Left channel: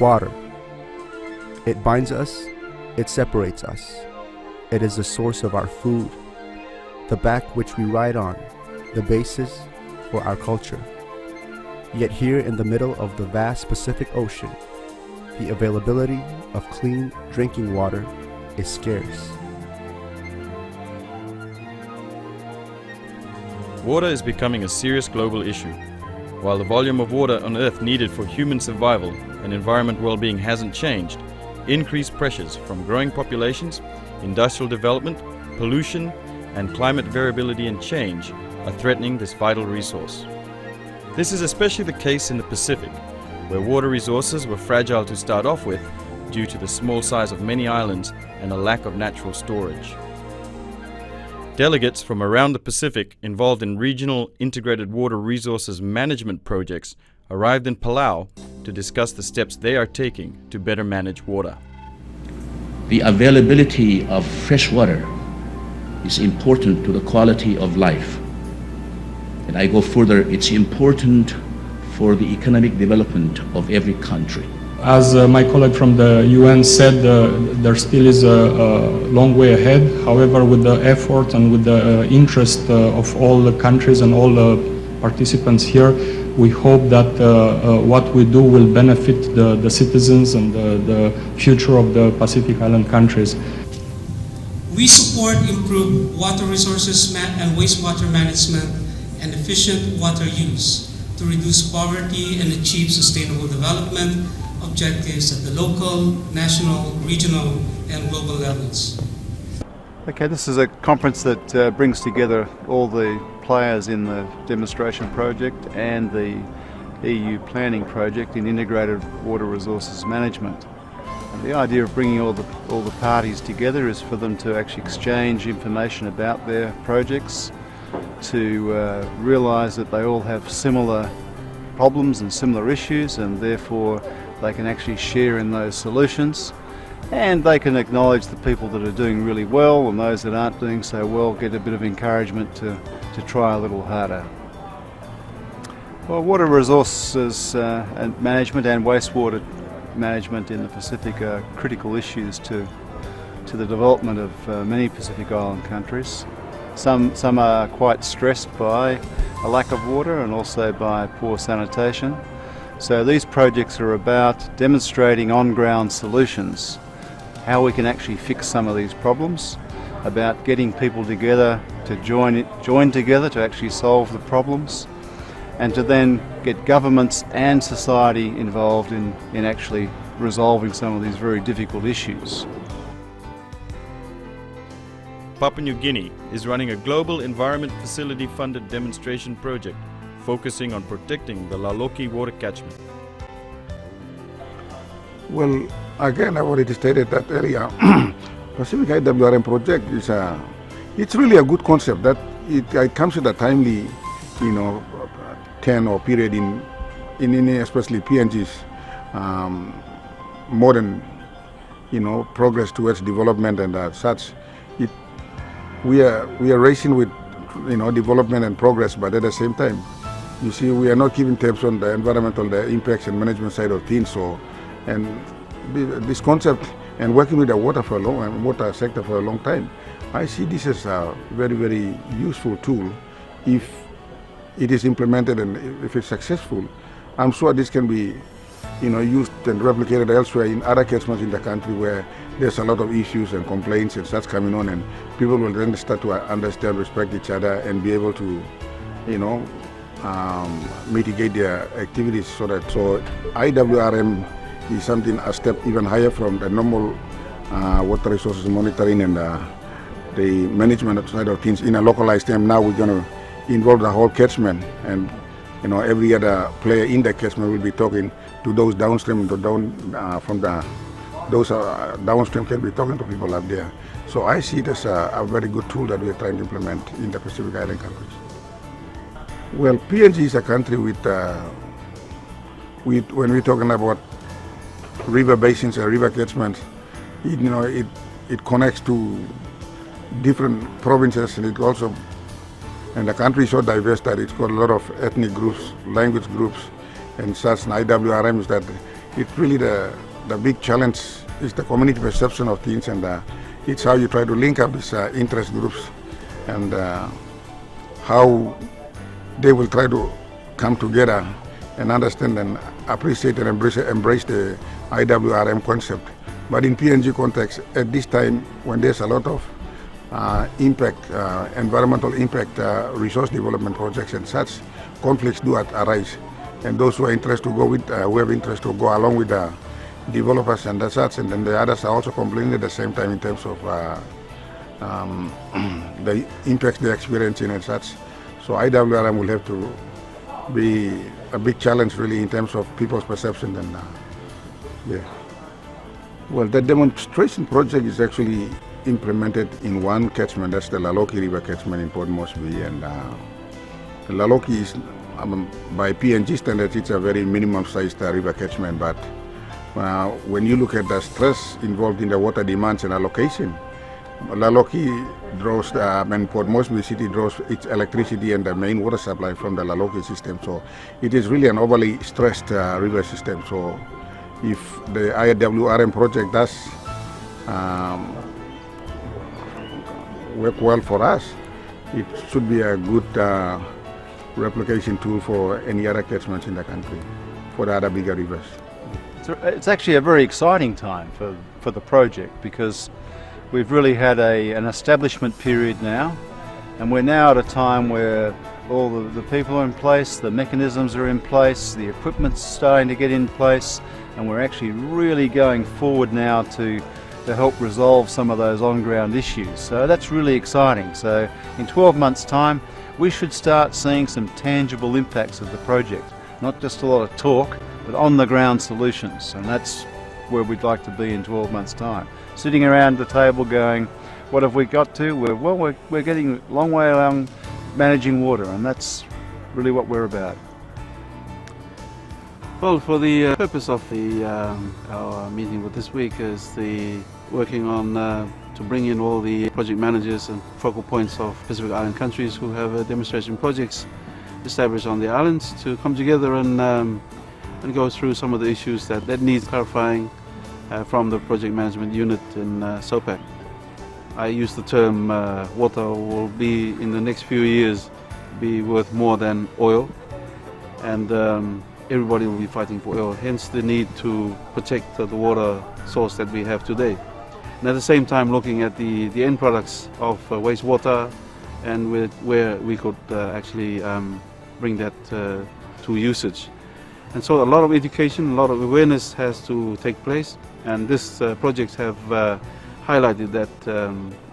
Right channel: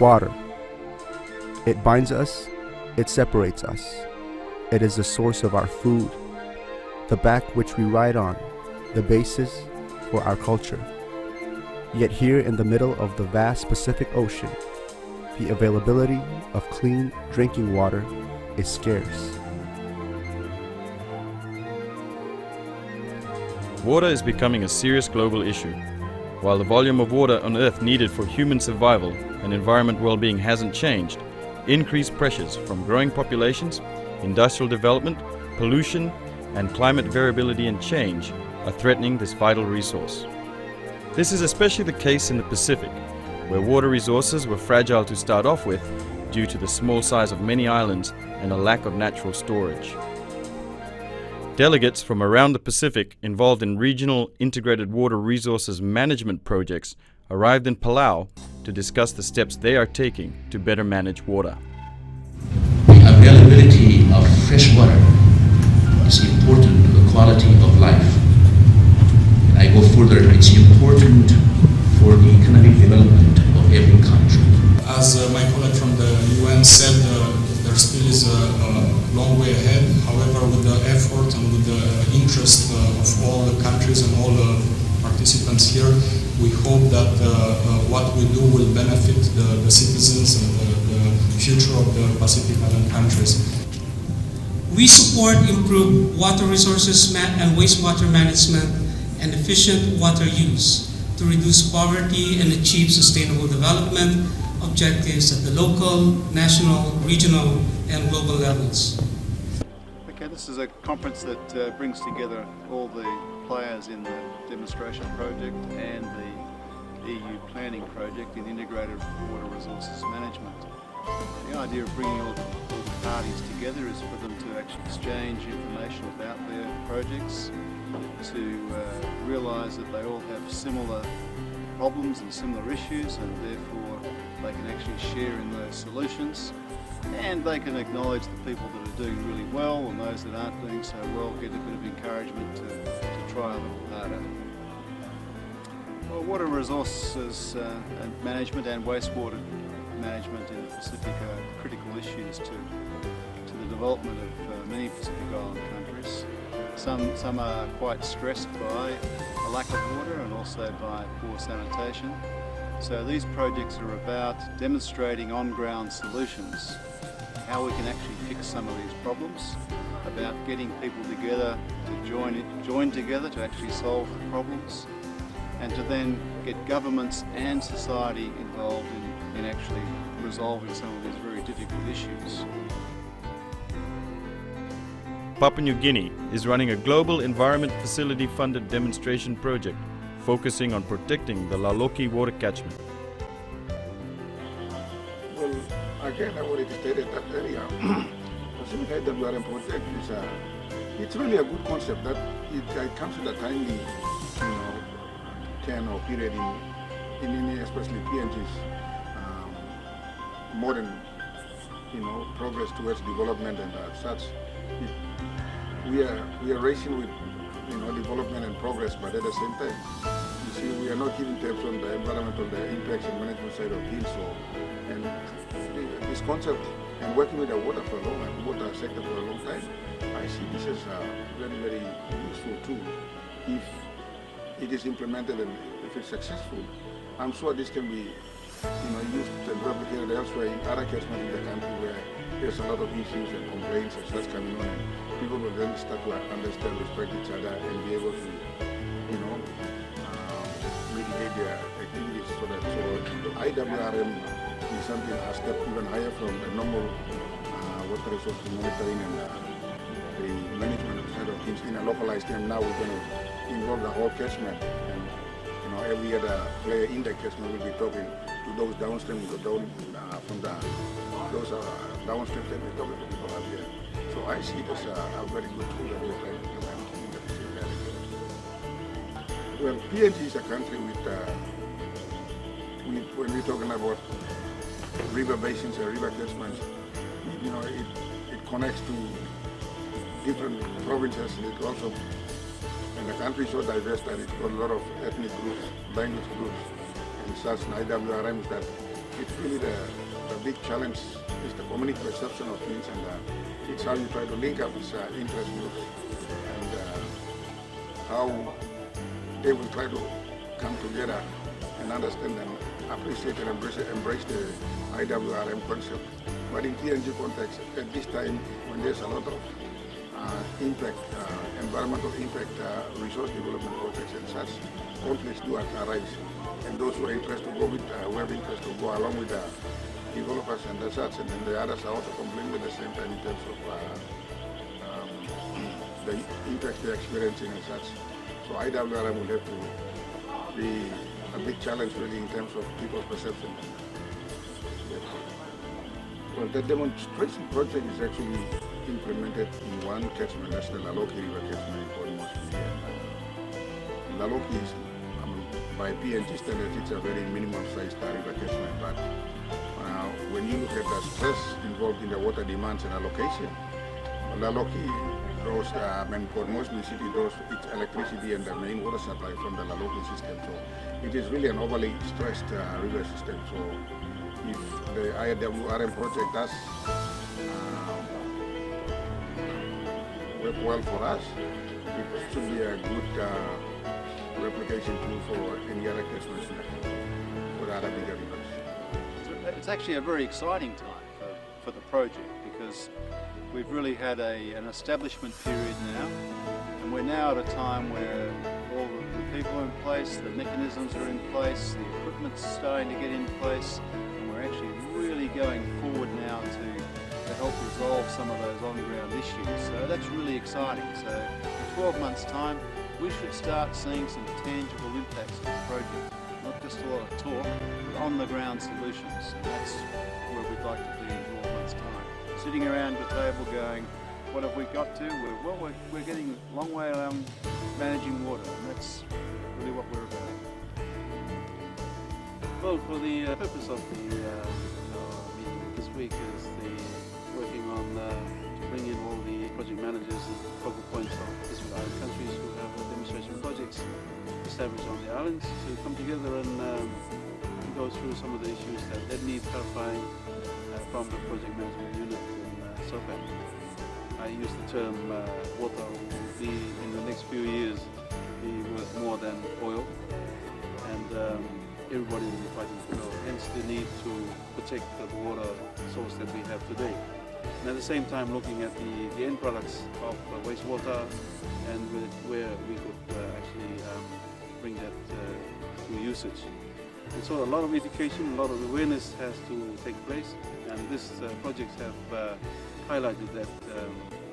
Water. It binds us, it separates us. It is the source of our food, the back which we ride on, the basis for our culture. Yet here in the middle of the vast Pacific Ocean, the availability of clean drinking water is scarce. Water is becoming a serious global issue. While the volume of water on Earth needed for human survival and environment well-being hasn't changed, increased pressures from growing populations, industrial development, pollution, and climate variability and change are threatening this vital resource. This is especially the case in the Pacific, where water resources were fragile to start off with due to the small size of many islands and a lack of natural storage. Delegates from around the Pacific involved in regional integrated water resources management projects arrived in Palau to discuss the steps they are taking to better manage water. The availability of fresh water is important to the quality of life. And I go further, it's important for the economic development of every country. As my colleague from the UN said, there still is a long way ahead. However, with the effort and with the interest of all the countries and all the participants here, we hope that what we do will benefit the citizens and the future of the Pacific Island countries. We support improved water resources and wastewater management and efficient water use to reduce poverty and achieve sustainable development objectives at the local, national, regional, and global levels. Okay, this is a conference that brings together all the players in the demonstration project and the EU planning project in integrated water resources management. The idea of bringing all the parties together is for them to actually exchange information about their projects, to realise that they all have similar problems and similar issues, and therefore they can actually share in those solutions, and they can acknowledge the people that are doing really well and those that aren't doing so well get a bit of encouragement to try a little harder. Well, water resources and management and wastewater management in the Pacific are critical issues to the development of many Pacific Island countries. Some are quite stressed by a lack of water and also by poor sanitation. So these projects are about demonstrating on-ground solutions, how we can actually fix some of these problems, about getting people together to join together to actually solve the problems, and to then get governments and society involved in actually resolving some of these very difficult issues. Papua New Guinea is running a global environment facility funded demonstration project focusing on protecting the Laloki water catchment. Well, again, I've already stated that earlier. Pacific IWRM project is it's really a good concept that it comes with a timely, 10 or period in especially PNG's modern, progress towards development and such. We are racing with, development and progress, but at the same time, you see, we are not giving tips on the environmental, the impacts and management side of things. So, and this concept and working with the water sector for a long time, I see this as a very, very useful tool. If it is implemented and if it's successful, I'm sure this can be, used and replicated elsewhere in other catchments in the country where there's a lot of issues and complaints and such coming on, and people will then start to understand, respect each other, and be able to, mitigate their activities so IWRM is something a step even higher from the normal water resources monitoring and the management side of things in a localized term. Now we're going to involve the whole catchment, and every other player in the catchment will be talking to those downstream, those downstream can be talking to people up there. So I see it as a very good tool that we're trying to implement in the Pacific Island countries. Well, PNG is a country with when we're talking about river basins or river catchments, it connects to different provinces, and it also, and the country is so diverse that it's got a lot of ethnic groups, language groups, and such. And IWRM is that it's really the big challenge is the community perception of things, and it's how you try to link up these interest groups and how they will try to come together and understand and appreciate and embrace the IWRM concept. But in PNG context, at this time, when there's a lot of environmental impact, resource development projects and such, conflicts do arise. And those who are interested to go with, who have interest to go along with the developers and such, and then the others are also complaining at the same time in terms of the impacts they're experiencing and such. So IWRM will have to be a big challenge really in terms of people's perception. And yeah. Well, the demonstration project is actually implemented in one catchment, that's the Laloki River catchment in Port Moresby. And Laloki is, by PNG standards, it's a very minimum sized river catchment, but when you look at the stress involved in the water demands and allocation, Laloki draws, and Port Moresby City draws its electricity and the main water supply from the Laloki system. So it is really an overly stressed river system. So if the IWRM project does work well for us, it should be a good replication tool for any other catchments in the country, for the other bigger rivers. It's actually a very exciting time for the project, because we've really had an establishment period now, and we're now at a time where all the people are in place, the mechanisms are in place, the equipment's starting to get in place, and we're actually really going forward now to help resolve some of those on-ground issues. So that's really exciting. So in 12 months' time, we should start seeing some tangible impacts of the project. Not just a lot of talk, but on-the-ground solutions. And that's where we'd like to be in 12 months' time. Sitting around the table going, what have we got to? We're getting a long way along managing water, and that's really what we're about. Well, for the purpose of our meeting with this week is working on to bring in all the project managers and focal points of Pacific Island countries who have demonstration projects established on the islands to come together and go through some of the issues that need clarifying from the project management unit in SOPAC. I use the term water will be in the next few years be worth more than oil, and everybody will be fighting for oil, hence the need to protect the water source that we have today. And at the same time looking at the end products of wastewater and where we could actually bring that to usage. And so a lot of education, a lot of awareness has to take place, and this projects have highlighted that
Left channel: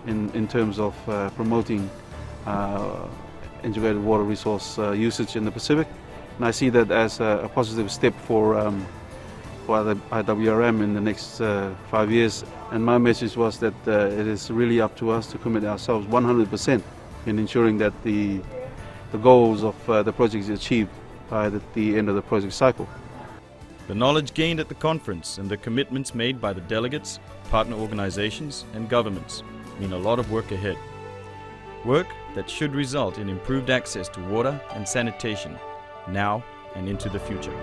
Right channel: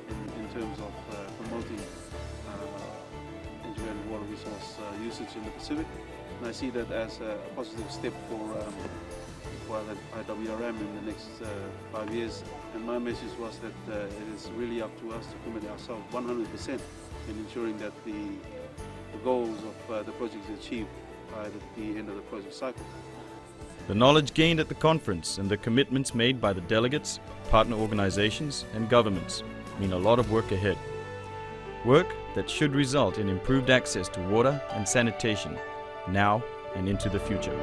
in terms of promoting integrated water resource usage in the Pacific. And I see that as a positive step for the IWRM in the next 5 years. And my message was that it is really up to us to commit ourselves 100% in ensuring that the goals of the project is achieved by the end of the project cycle. The knowledge gained at the conference and the commitments made by the delegates, partner organizations and governments mean a lot of work ahead. Work that should result in improved access to water and sanitation now and into the future.